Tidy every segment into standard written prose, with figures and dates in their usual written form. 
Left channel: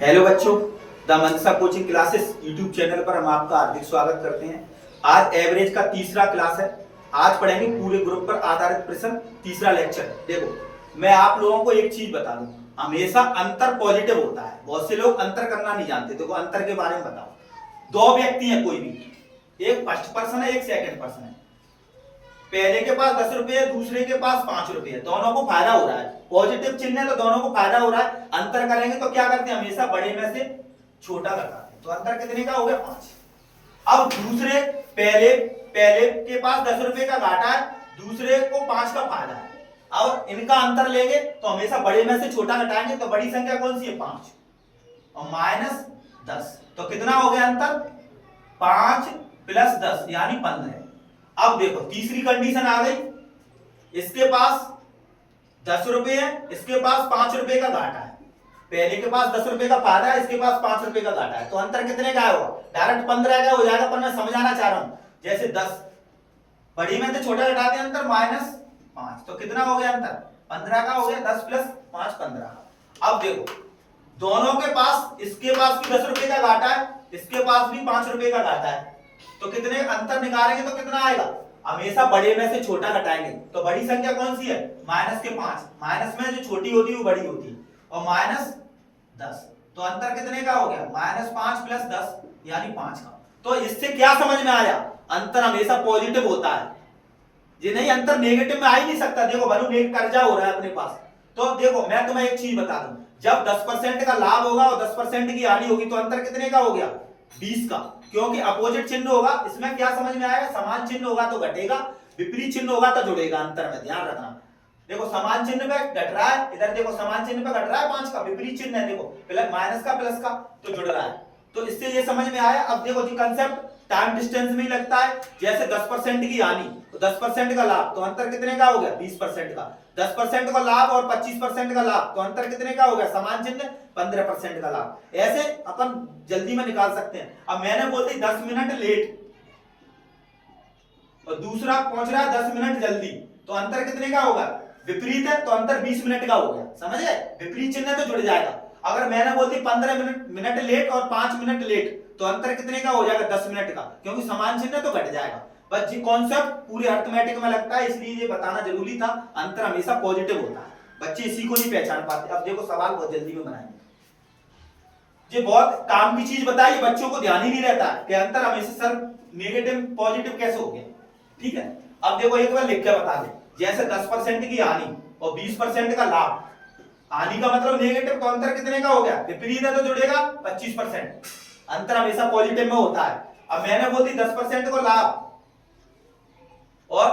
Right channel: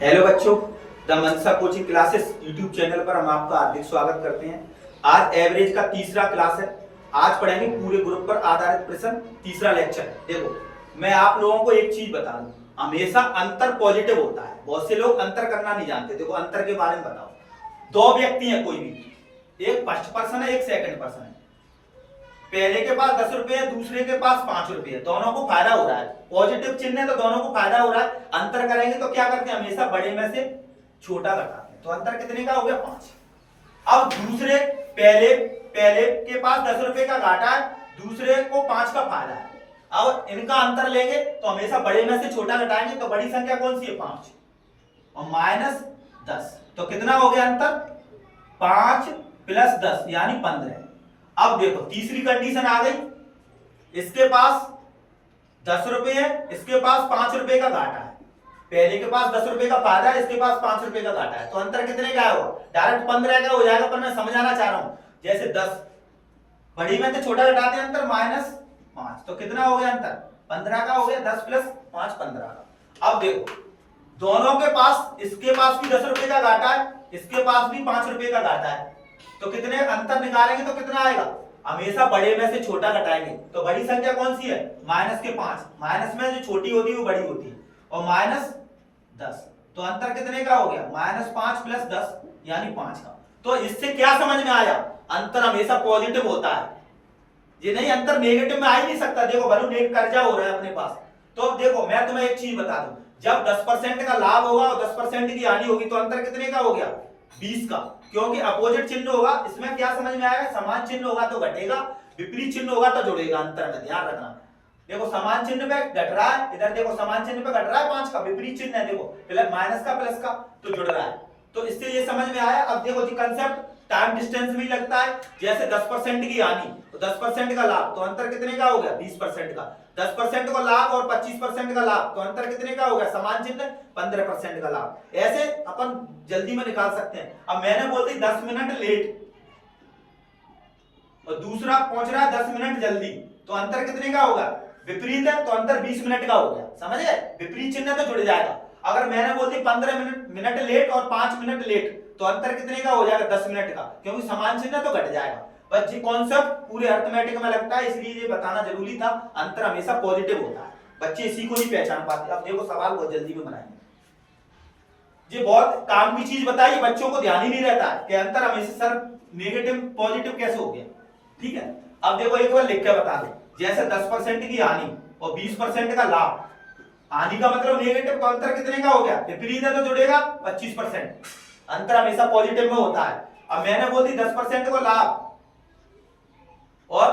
Hello बच्चों, the Mansa coaching classes YouTube channel पर हम आपका हार्दिक स्वागत करते हैं। आज एवरेज का तीसरा क्लास है। आज पढ़ेंगे पूरे ग्रुप पर आधारित प्रश्न, तीसरा लेक्चर है। देखो, मैं आप लोगों को एक चीज बता दूं, हमेशा अंतर पॉजिटिव होता है। बहुत से लोग अंतर करना नहीं जानते। देखो, अंतर के बारे में बताओ। दो व्यक्ति हैं, कोई भी, एक फर्स्ट पर्सन है, एक सेकंड पर्सन है। पहले के पास 10 रुपए है, दूसरे के पास 5 रुपए है। दोनों को फायदा हो रहा है, पॉजिटिव चिन्ह है तो दोनों को फायदा हो रहा है। अंतर करेंगे तो क्या करते हैं, हमेशा बड़े में से छोटा घटाते हैं। तो अंतर कितने का हो गया, 5। अब दूसरे पहले पहले के पास 10 रुपए का घाटा है, दूसरे को 5 का फायदा है। अब इनका अंतर लेंगे तो हमेशा बड़े में से छोटा घटाएंगे। तो बड़ी संख्या कौन सी है, 5 और -10। तो कितना हो गया अंतर, 5 + 10 यानी 15। अब देखो, तीसरी कंडीशन आ गई। इसके पास 10 रुपए है, इसके पास 5 रुपए का घाटा है। पहले के पास 10 रुपए का फायदा है, इसके पास 5 रुपए का घाटा है। तो अंतर कितने का होगा, डायरेक्ट 15 का हो जाएगा। पर मैं समझाना चाह रहा हूं, जैसे 10 बड़ी में से छोटा घटाते हैं, अंतर -5। तो कितना हो गया अंतर, 15 का हो गया। 10 + 5 15 का। अब देखो, दोनों के पास, इसके पास भी 10 रुपए का घाटा है, इसके पास भी 5 रुपए का घाटा है। तो कितने अंतर निकालेंगे तो कितना आएगा, हमेशा बड़े में से छोटा घटाएंगे। तो बड़ी संख्या कौन सी है, -5। माइनस में जो छोटी होती है वो बड़ी होती है, और -10। तो अंतर कितने का हो गया, -5 + 10 यानी 5 का। तो इससे क्या समझ में आया, अंतर हमेशा पॉजिटिव होता है। ये नहीं, अंतर नेगेटिव में आ ही नहीं सकता। देखो, भले नेगेटिव कर्जा हो रहा है अपने पास। तो देखो, मैं तुम्हें एक चीज बता दूं, जब 10% का लाभ होगा और 10% की हानि होगी तो अंतर कितने का हो गया, 20 का। क्योंकि अपोजिट चिन्ह होगा। इसमें क्या समझ में आएगा, समान चिन्ह होगा तो घटेगा, विपरीत चिन्ह होगा तो जुड़ेगा। अंतर में ध्यान रखना। देखो, समान चिन्ह पे घट रहा है, इधर देखो समान चिन्ह पे घट रहा है 5 का, विपरीत चिन्ह है, देखो प्लस माइनस का प्लस का, तो जुड़ रहा है। तो इससे ये समझ में आया। अब देखो जी, कंसेप्ट टाइम डिस्टेंस में ही लगता है। जैसे 10% की हानि तो 10% का लाभ, तो अंतर कितने का हो गया, 20% का। 10% का लाभ और 25% का लाभ, तो अंतर कितने का हो गया, समान चिन्ह, 15% का लाभ। ऐसे अपन जल्दी में निकाल सकते हैं। अब मैंने बोल दी 10 मिनट लेट और दूसरा पहुंच रहा है 10 मिनट जल्दी, तो अंतर कितने का होगा, विपरीत है तो अंतर 20 मिनट का हो गया। समझ गए, विपरीत चिन्ह तो जुड़ जाएगा। अगर मैंने बोल दी 15 मिनट लेट और 5 मिनट लेट, तो अंतर कितने का हो जाएगा, 10 मिनट का, क्योंकि समान चिन्ह तो घट जाएगा। बस ये कॉन्सेप्ट पूरे अर्थमेटिक में लगता है, इसलिए ये बताना जरूरी था। अंतर हमेशा पॉजिटिव होता है, बच्चे इसी को नहीं पहचान पाते। अब देखो, सवाल बहुत जल्दी में बनाएंगे। ये बहुत काम की चीज बताई, बच्चों को ध्यान ही नहीं रहता है कि अंतर हमेशा सर नेगेटिव पॉजिटिव कैसे हो गया। ठीक है, अब देखो एक बार लिख के बता दे। जैसे 10% की हानि और 20% का लाभ। हानि का मतलब नेगेटिव, तो अंतर कितने का हो गया, विपरीत है तो जुड़ेगा 25%। अंतर हमेशा पॉजिटिव में होता है। अब मैंने बोल दी 10% को लाभ और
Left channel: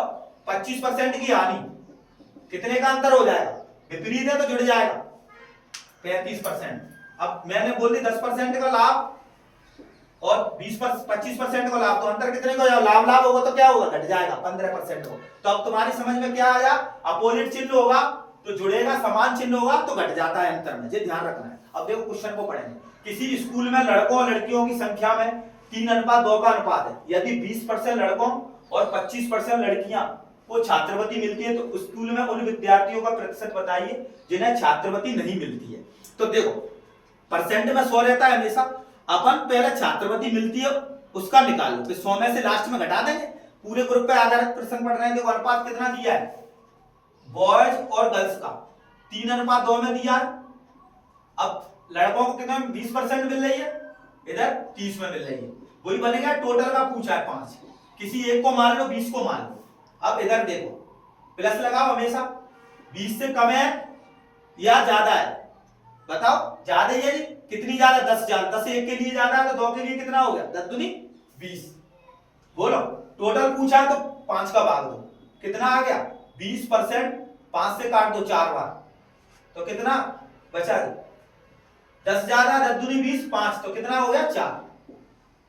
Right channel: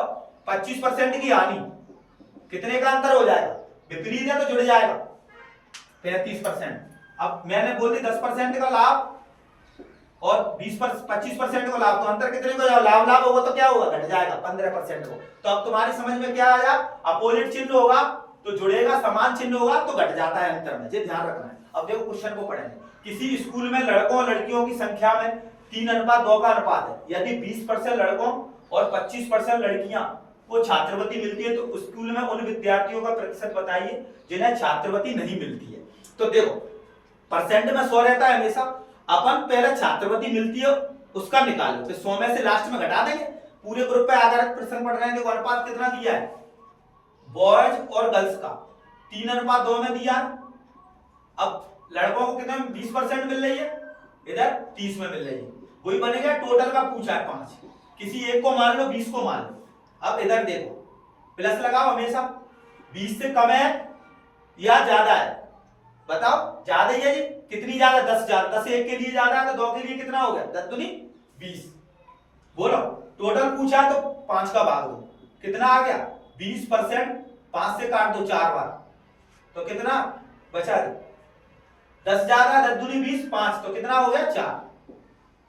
25% की हानि, कितने का अंतर हो जाएगा, विपरीत है तो जुड़ जाएगा 35%। अब मैंने बोल दी 10% का लाभ और 25% को लाभ, तो अंतर कितने को, लाभ लाभ होगा तो क्या होगा, घट जाएगा 15% को। तो अब तुम्हारी समझ में क्या आया, अपोजिट चिन्ह होगा तो जुड़ेगा, समान चिन्ह होगा तो घट जाता है अंतर में। ये ध्यान रखना है। अब देखो, क्वेश्चन को पढ़ेंगे। किसी स्कूल में लड़कों और लड़कियों की संख्या में 3:2 का अनुपात है। यदि 20% लड़कों और 25% लड़कियां को छात्रवृत्ति मिलती है, तो स्कूल में उन विद्यार्थियों का प्रतिशत बताइए जिन्हें छात्रवृत्ति नहीं मिलती है। तो देखो, परसेंट में 100 रहता है हमेशा। अपन पहले छात्रवृत्ति मिलती है उसका निकाल लो, फिर 100 में से लास्ट में घटा देंगे। पूरे ग्रुप पे आधारित प्रश्न पढ़ रहे हैं। देखो, अनुपात कितना दिया है, बॉयज और गर्ल्स का 3:2 में दिया है। अब लड़कों को कितने, 20% मिल रही है, इधर 30 में मिल रही है। वही बनेगा, टोटल का पूछा है 5। किसी एक को मान लो, 20 को मान लो। अब इधर देखो, प्लस लगाओ हमेशा। 20 से कम है या ज्यादा है, बताओ। ज्यादा है जी, कितनी ज्यादा, 10 ज्यादा। 10 एक के लिए ज्यादा है तो 2 के लिए कितना हो गया, 10 दूनी 20। बोलो, टोटल पूछा तो 5 का भाग दो, कितना आ गया 20%। 5 से काट दो 4 बार, तो कितना बचा, 10 ज्यादा, 10 दूनी 20, 5 तो कितना हो गया 4,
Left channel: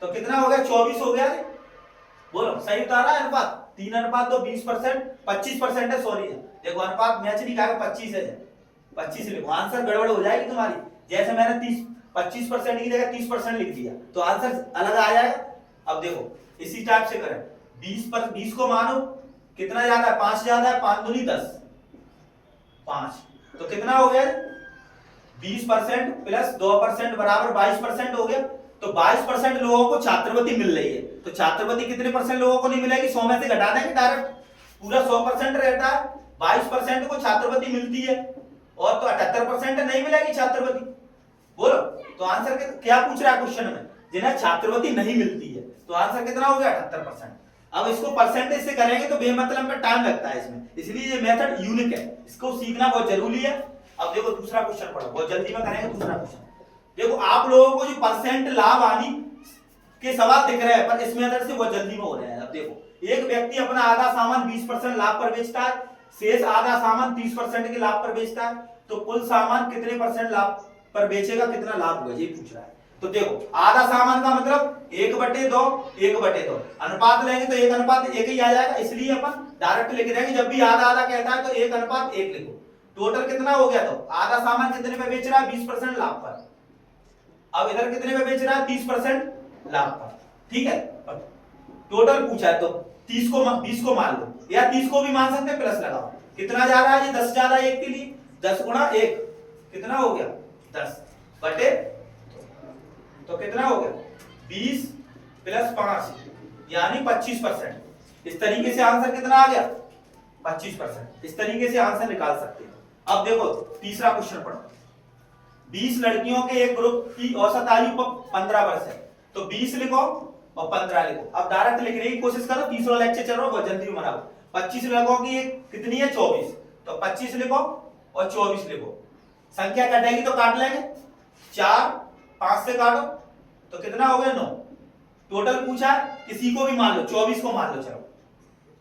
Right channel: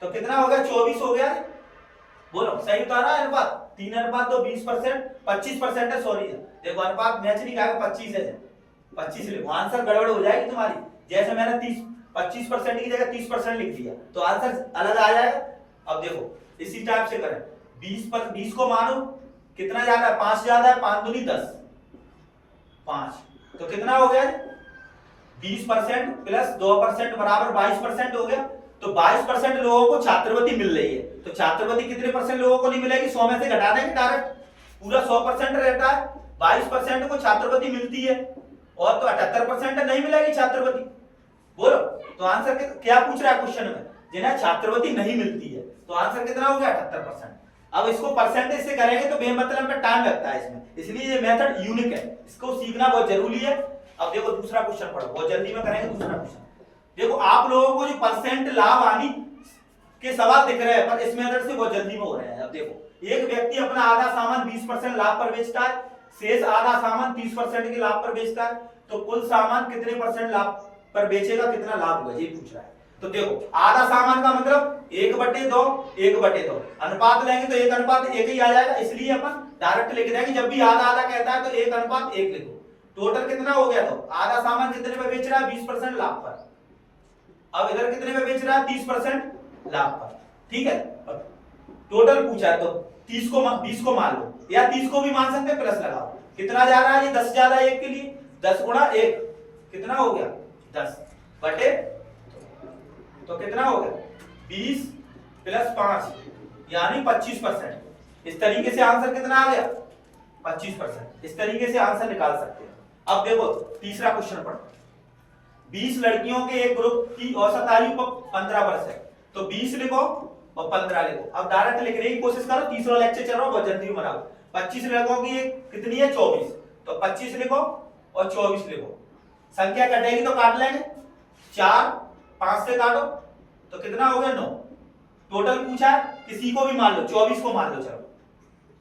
तो कितना हो गया 24 हो गया। बोलो, सही तो आ रहा है अनुपात, 3:2 20%, 25% है, सॉरी है। देखो, अनुपात मैच नहीं खाएगा, 25 है, 25 लिखो, आंसर गड़बड़ हो जाएगी तुम्हारी। जैसे मैंने 25% की जगह 30% लिख दिया तो आंसर अलग आ जाएगा। अब देखो, इसी टाइप से करें। 20 को मानो कितना ज्यादा है, 5 ज्यादा है, 5 दूनी 10, 5 तो कितना हो गया, 20% प्लस 2% बराबर 22% हो गया। तो 22% लोगों को छात्रवृत्ति मिल रही है, तो छात्रवृत्ति कितने परसेंट लोगों को नहीं मिलेगी? 100 में से घटा देंगे डायरेक्ट, पूरा 100% रहता है, 22% को छात्रवृत्ति मिलती है और तो 78% नहीं मिलेगी छात्रवृत्ति। बोलो तो आंसर क्या पूछ रहा है क्वेश्चन में? जिन्हें छात्रवृत्ति नहीं मिलती है, तो आंसर कितना हो गया? 78%। अब इसको परसेंटेज से करेंगे तो बेमतलब में टाइम लगता है इसमें, इसलिए ये मेथड यूनिक है, इसको सीखना बहुत जरूरी है। अब देखो दूसरा क्वेश्चन पढ़ो, बहुत जल्दी में करेंगे दूसरा क्वेश्चन। देखो आप लोगों को जो परसेंट लाभ हानि के सवाल दिख रहे हैं, पर इस मेथड से बहुत जल्दी में हो रहे हैं। अब देखो एक व्यक्ति अपना आधा सामान 20% लाभ पर बेचता है, शेष आधा सामान 30% के लाभ पर बेचता है, तो कुल सामान कितने परसेंट लाभ पर बेचेगा, कितना लाभ होगा, ये पूछ रहा है। तो देखो आधा सामान का मतलब 1/2 1/2 अनुपात लेंगे तो 1:1 ही आ जाएगा, इसलिए अपन डायरेक्ट लिख देंगे। जब भी आधा आधा कहता है तो 1:1 लिखो। टोटल कितना हो गया? तो आधा सामान कितने पे बेच रहा है? 20% लाभ पर। अब इधर कितने पे बेच रहा है? 30% लाभ पर, ठीक है। टोटल पूछा है तो 20 को मान लो, या 30 को भी मान सकते हैं, प्लस लगाओ। कितना ज्यादा है? 10 ज्यादा है 1 के लिए, 10 गुणा 1 कितना हो गया? 10 बटे, तो कितना हो गया? 20 प्लस 5 यानी 25%। इस तरीके से आंसर कितना आ गया? 25%। इस तरीके से आंसर निकाल सकते हैं। अब देखो तीसरा क्वेश्चन पढ़ो। 20 लड़कियों के एक ग्रुप की औसत आयु 15 वर्ष है, तो 20 लिखो और 15 लिखो। अब डायरेक्ट लिखने की कोशिश करो, तीसरा लेक्चर चल रहा है, बहुत जल्दी बनाओ। 25 लड़कों की कितनी है? 24, तो 25 लिखो और 24 लिखो। संख्या कटेगी तो काट लेंगे, 4 5 से काटो तो कितना हो गया? 9। टोटल पूछा है, किसी को भी मान लो, 24 को मान लो, चलो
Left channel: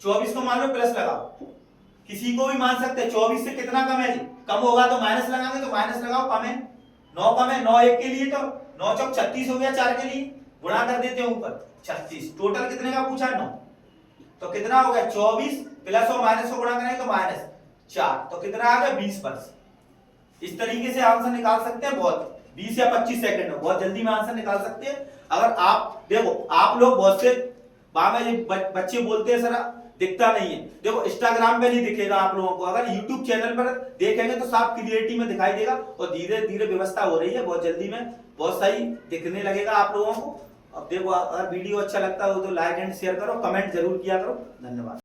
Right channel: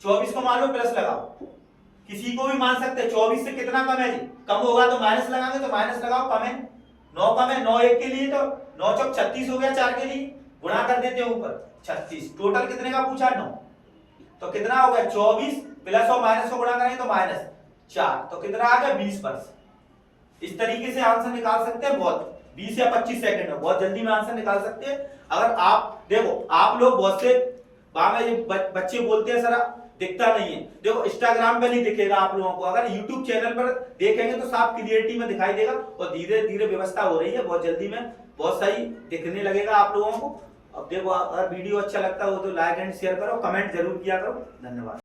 24 को मान लो, प्लस लगाओ। किसी को भी मान सकते हैं, 24 से कितना कम है जी? कम होगा तो माइनस लगाएंगे, तो माइनस लगाओ, कम है 9, कम है 9 1 के लिए, तो 9 चौक 36 हो गया, 4 के लिए गुणा कर देते हैं ऊपर 36। टोटल कितने का पूछा? 9। तो कितना हो गया? 24 प्लस और माइनस को गुणा करेंगे तो -4, तो कितना आ गया? 20 वर्ष। इस तरीके से आंसर निकाल सकते हैं, बहुत 20 या 25 सेकंड में बहुत जल्दी में आंसर निकाल सकते हैं। अगर आप देखो, आप लोग बहुत से बच्चे बोलते हैं सर दिखता नहीं है, देखो इंस्टाग्राम पे नहीं दिखेगा आप लोगों को, अगर यूट्यूब चैनल पर देखेंगे तो साफ क्लियरिटी में दिखाई देगा, और धीरे धीरे व्यवस्था हो रही है, बहुत जल्दी में बहुत सही दिखने लगेगा आप लोगों को। अब देखो अगर वीडियो अच्छा लगता हो तो लाइक एंड शेयर करो, कमेंट जरूर किया करो। धन्यवाद।